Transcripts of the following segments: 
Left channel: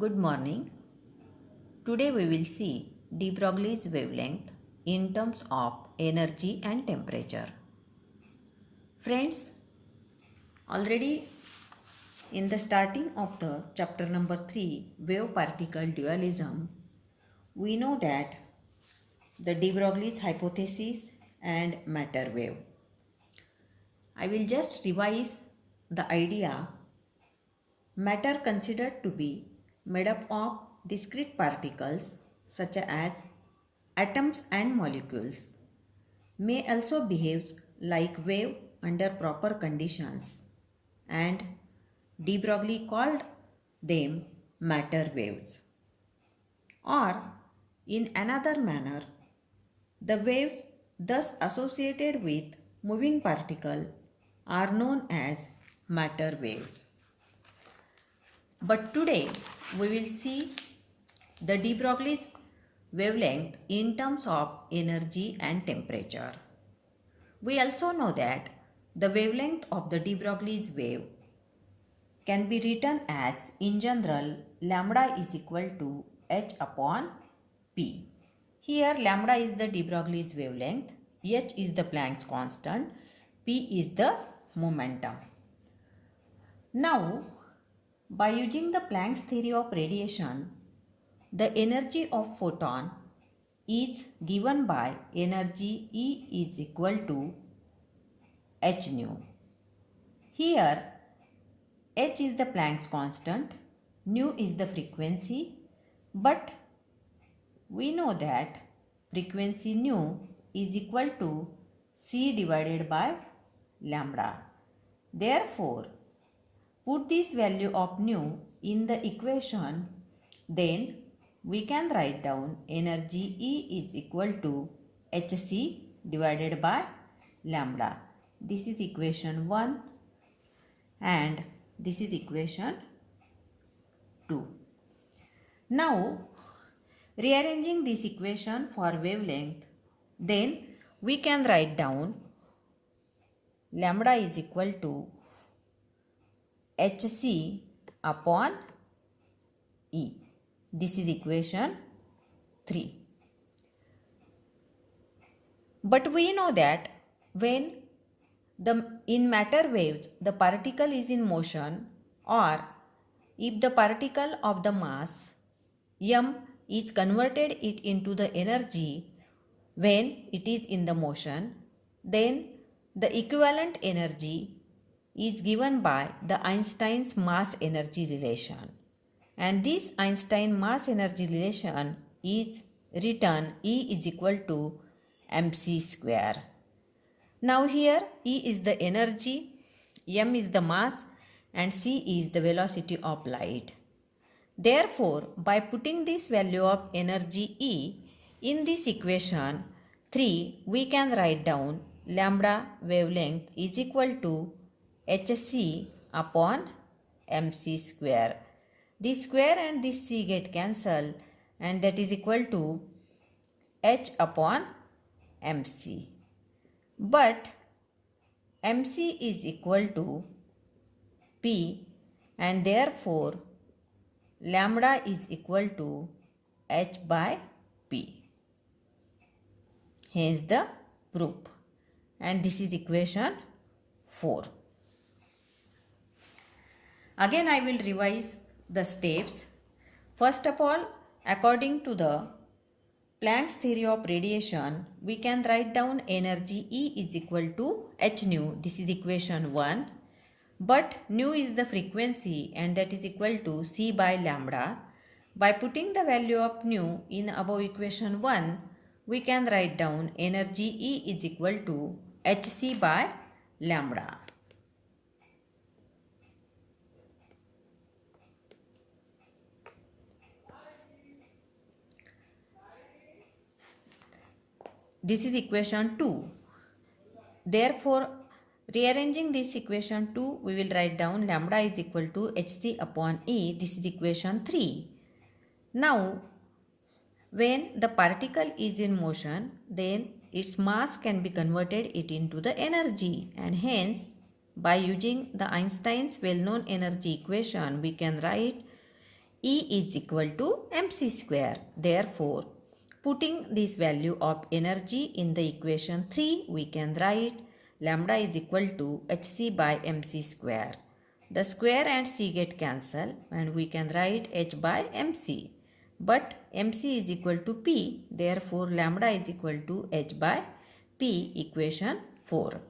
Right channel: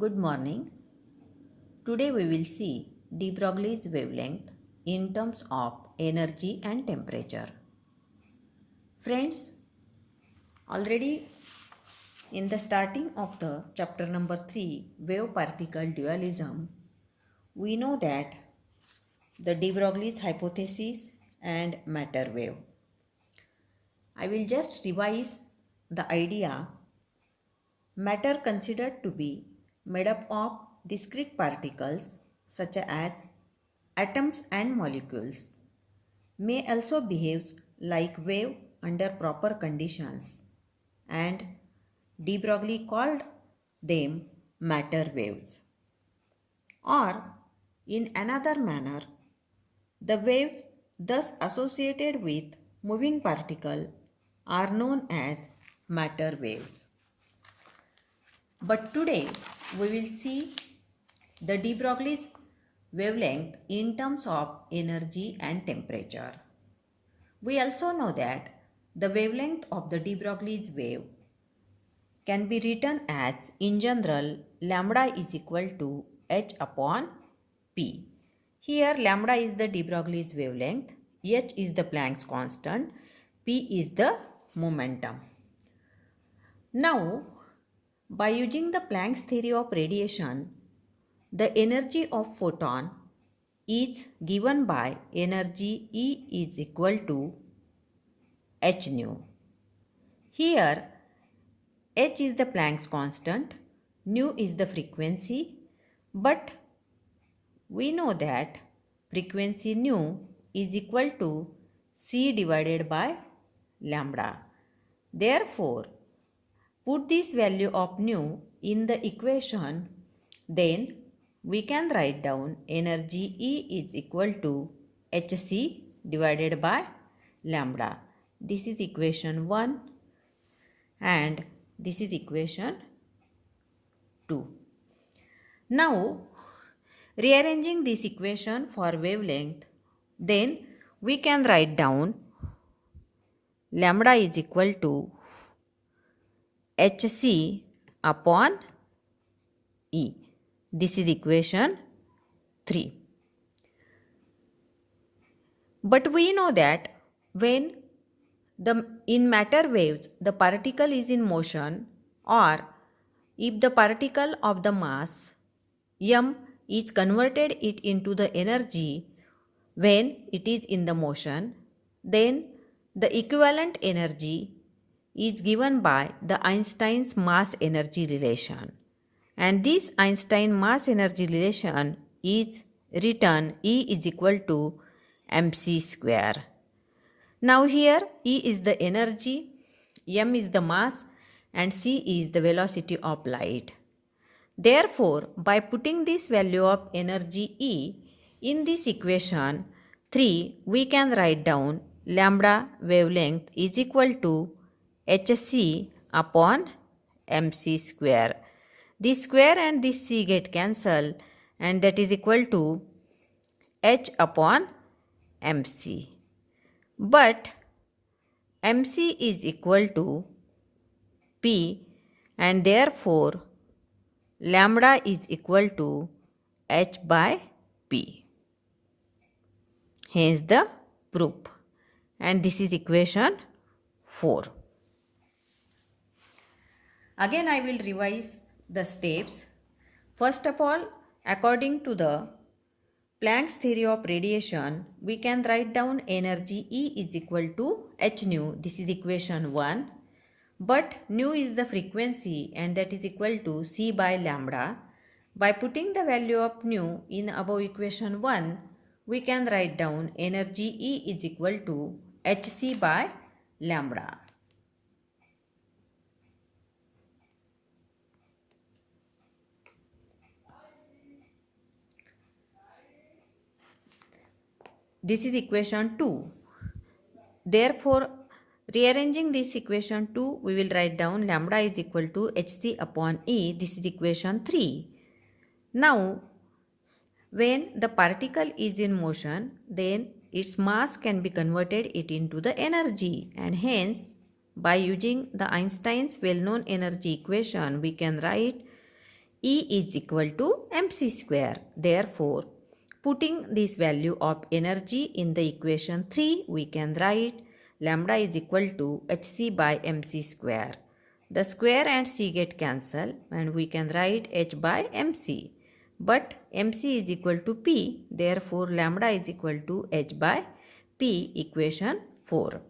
Good morning. Today we will see de Broglie's wavelength in terms of energy and temperature. Friends, already in the starting of the chapter number 3, wave particle dualism, we know that the de Broglie's hypothesis and matter wave. I will just revise the idea. Matter considered to be made up of discrete particles such as atoms and molecules may also behave like wave under proper conditions, and de Broglie called them matter waves. Or in another manner, the waves thus associated with moving particle are known as matter waves. But today we will see the de Broglie's wavelength in terms of energy and temperature. We also know that the wavelength of the de Broglie's wave can be written as, in general, lambda is equal to h upon p. Here lambda is the de Broglie's wavelength, h is the Planck's constant, p is the momentum. Now, by using the Planck's theory of radiation, the energy of photon is given by energy E is equal to h nu. Here, h is the Planck's constant, nu is the frequency, but we know that frequency nu is equal to c divided by lambda. Therefore, put this value of nu in the equation, then we can write down energy E is equal to hc divided by lambda. This is equation 1 and this is equation 2. Now, rearranging this equation for wavelength, then we can write down lambda is equal to hc upon E. This is equation 3. But we know that when in matter waves the particle is in motion, or if the particle of the mass m is converted it into the energy when it is in the motion, then the equivalent energy is given by the Einstein's mass energy relation. And this Einstein mass energy relation is written E is equal to mc square. Now here E is the energy, m is the mass, and c is the velocity of light. Therefore, by putting this value of energy E in this equation 3, we can write down lambda wavelength is equal to hc upon mc square. This square and this c get cancelled, and that is equal to h upon mc. But mc is equal to p, and therefore lambda is equal to h by p. Hence the proof. And this is equation 4. Again I will revise the steps. First of all, according to the Planck's theory of radiation, we can write down energy E is equal to h nu. This is equation 1. But nu is the frequency, and that is equal to c by lambda. By putting the value of nu in above equation 1, we can write down energy E is equal to hc by lambda. This is equation 2. Therefore, rearranging this equation 2, we will write down lambda is equal to hc upon E. This is equation 3. Now, when the particle is in motion, then its mass can be converted it into the energy, and hence by using the Einstein's well-known energy equation, we can write E is equal to mc square. Therefore, putting this value of energy in the equation 3, we can write lambda is equal to hc by mc square. The square and c get cancelled and we can write h by mc. But mc is equal to p, therefore lambda is equal to h by p, equation 4.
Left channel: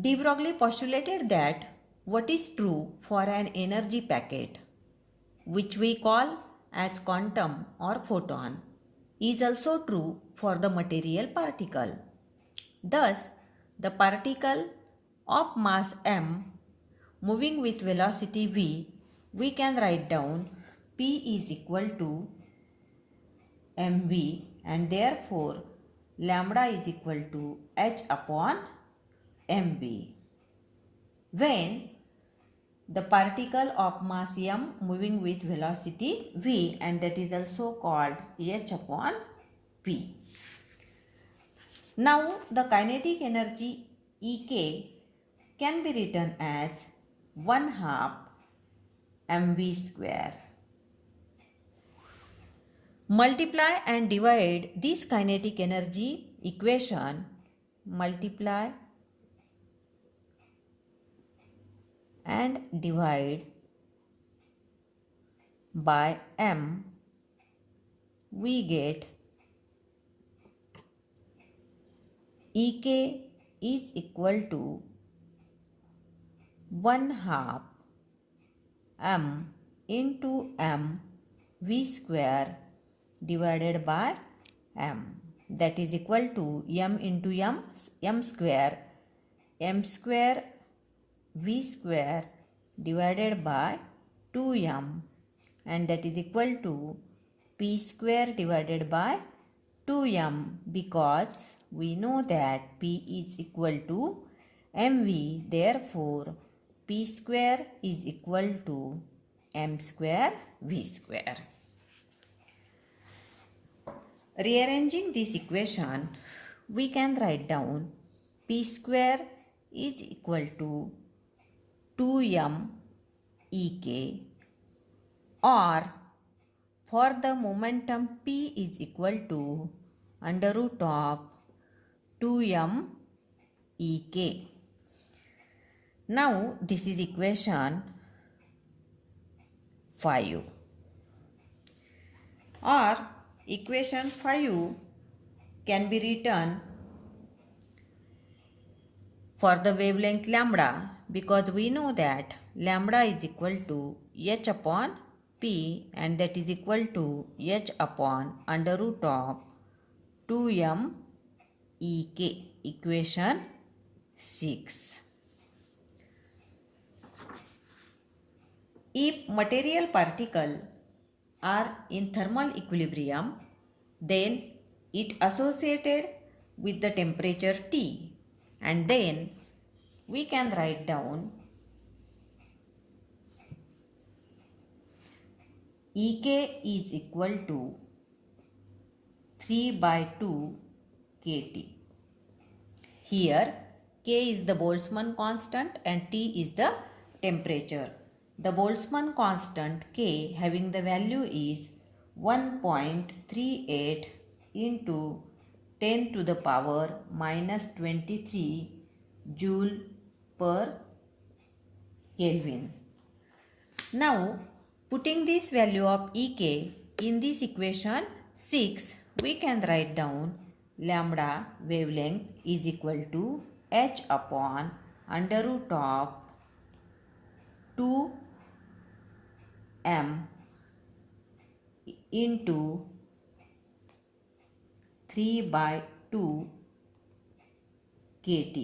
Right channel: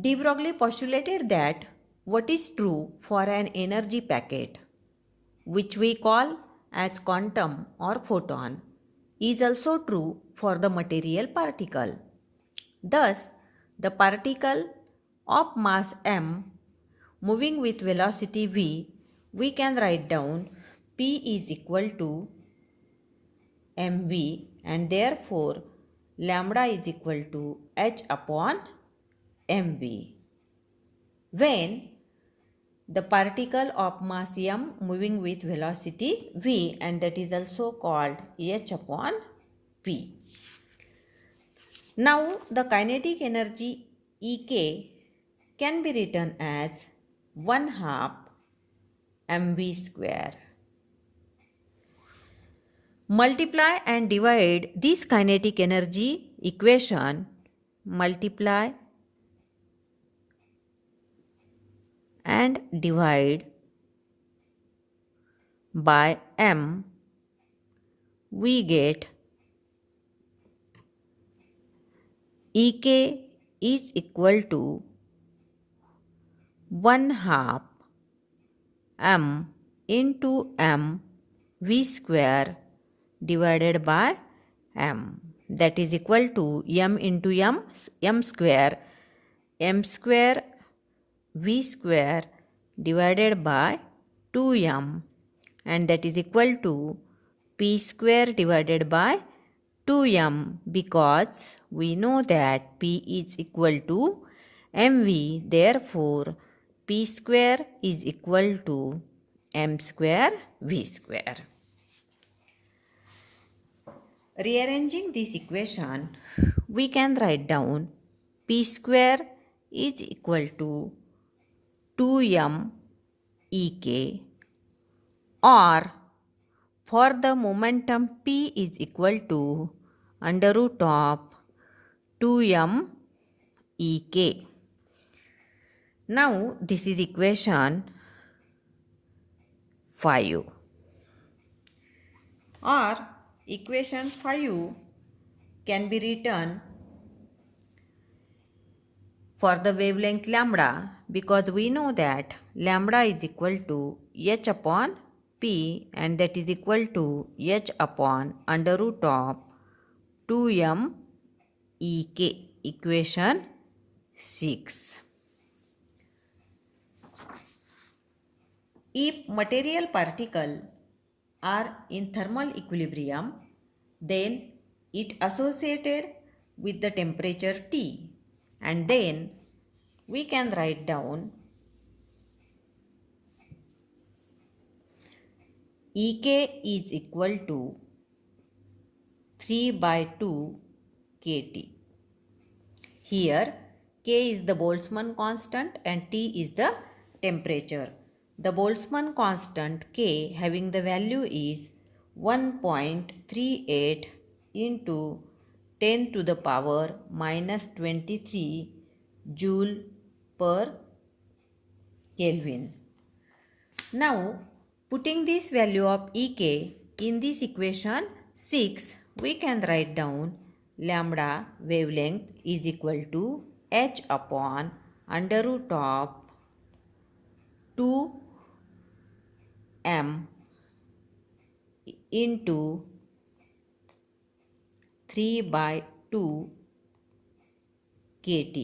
De Broglie postulated that what is true for an energy packet, which we call as quantum or photon, is also true for the material particle. Thus, the particle of mass m moving with velocity v, we can write down p is equal to mv, and therefore lambda is equal to h upon mv. When the particle of mass m moving with velocity v, and that is also called h upon p. Now the kinetic energy Ek can be written as 1/2 mv square. Multiply and divide this kinetic energy equation, multiply and divide by m, we get Ek is equal to 1/2 m into m v square divided by m, that is equal to m into m square v square divided by 2m, and that is equal to p square divided by 2m, because we know that p is equal to mv, therefore p square is equal to m square v square. Rearranging this equation, we can write down p square is equal to 2m Ek, or for the momentum p is equal to under root of 2m Ek. Now this is equation 5, or equation 5 can be written for the wavelength lambda, because we know that lambda is equal to h upon p, and that is equal to h upon under root of 2m Ek, equation 6. If material particles are in thermal equilibrium, then it associated with the temperature T, and then we can write down Ek is equal to 3/2 kT. Here K is the Boltzmann constant and T is the temperature. The Boltzmann constant K having the value is 1.38 into 10 to the power minus 23 joule per Kelvin. Now, putting this value of Ek in this equation 6, we can write down lambda wavelength is equal to h upon under root of 2m into 3/2 kT.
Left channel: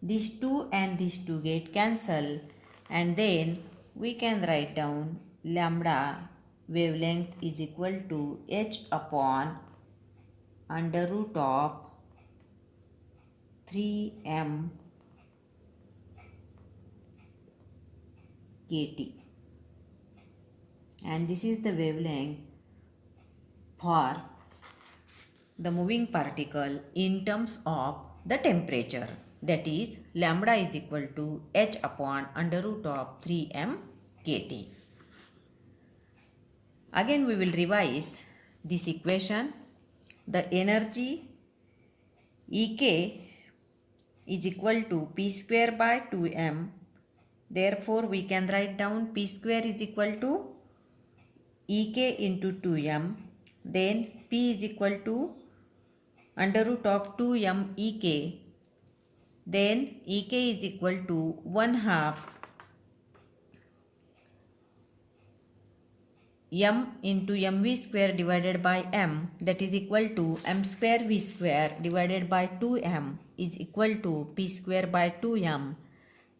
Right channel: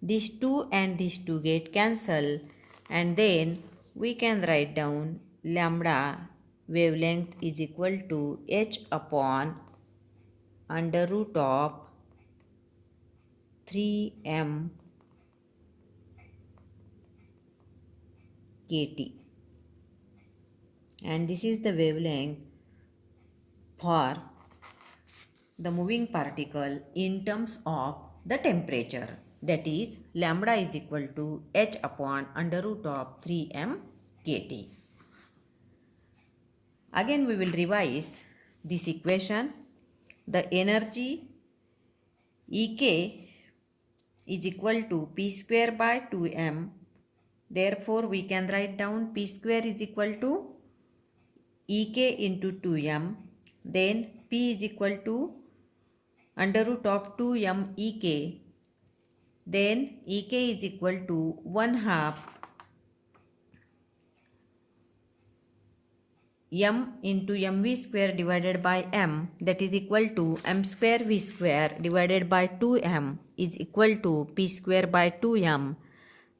These 2 and these 2 get cancelled, and then we can write down lambda wavelength is equal to h upon under root of 3m kT, and this is the wavelength for the moving particle in terms of the temperature, that is lambda is equal to h upon under root of 3m kT. Again we will revise this equation. The energy Ek is equal to p square by 2m. Therefore we can write down p square is equal to Ek into 2m. Then p is equal to under root of 2m Ek. Then Ek is equal to 1/2 m into mv square divided by m, that is equal to m square v square divided by 2m is equal to p square by 2m,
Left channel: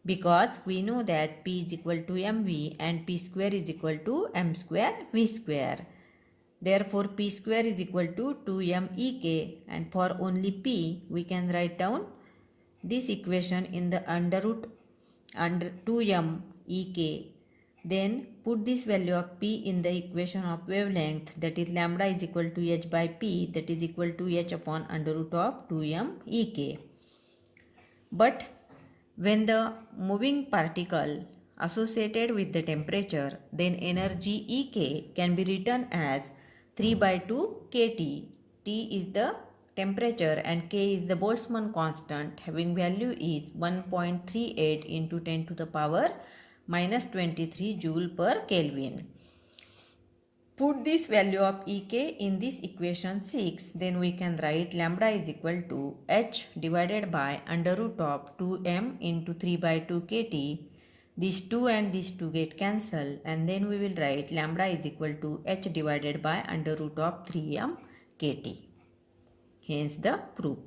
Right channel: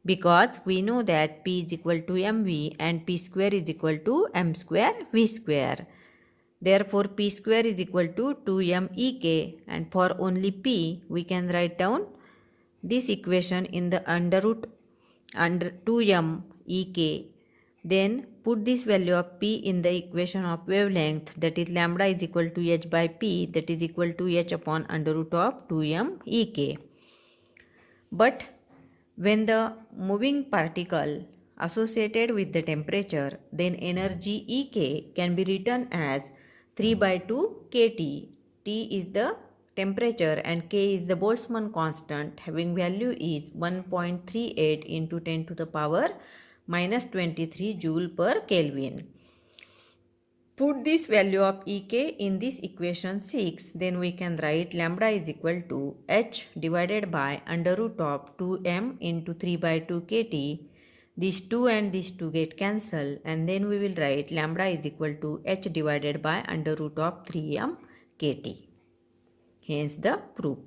because we know that p is equal to mv and p square is equal to m square v square. Therefore p square is equal to 2m Ek, and for only p we can write down this equation in the under root under 2m Ek. Then put this value of p in the equation of wavelength, that is lambda is equal to h by p, that is equal to h upon under root of 2m Ek. But when the moving particle associated with the temperature, then energy Ek can be written as 3 by 2 kT. T is the temperature and K is the Boltzmann constant, having value is 1.38 into 10 to the power minus 23 joule per Kelvin. Put this value of Ek in this equation 6, then we can write lambda is equal to h divided by under root of 2m into 3 by 2 kT. These 2 and these 2 get cancelled, and then we will write lambda is equal to h divided by under root of 3m kT. Hence the proof.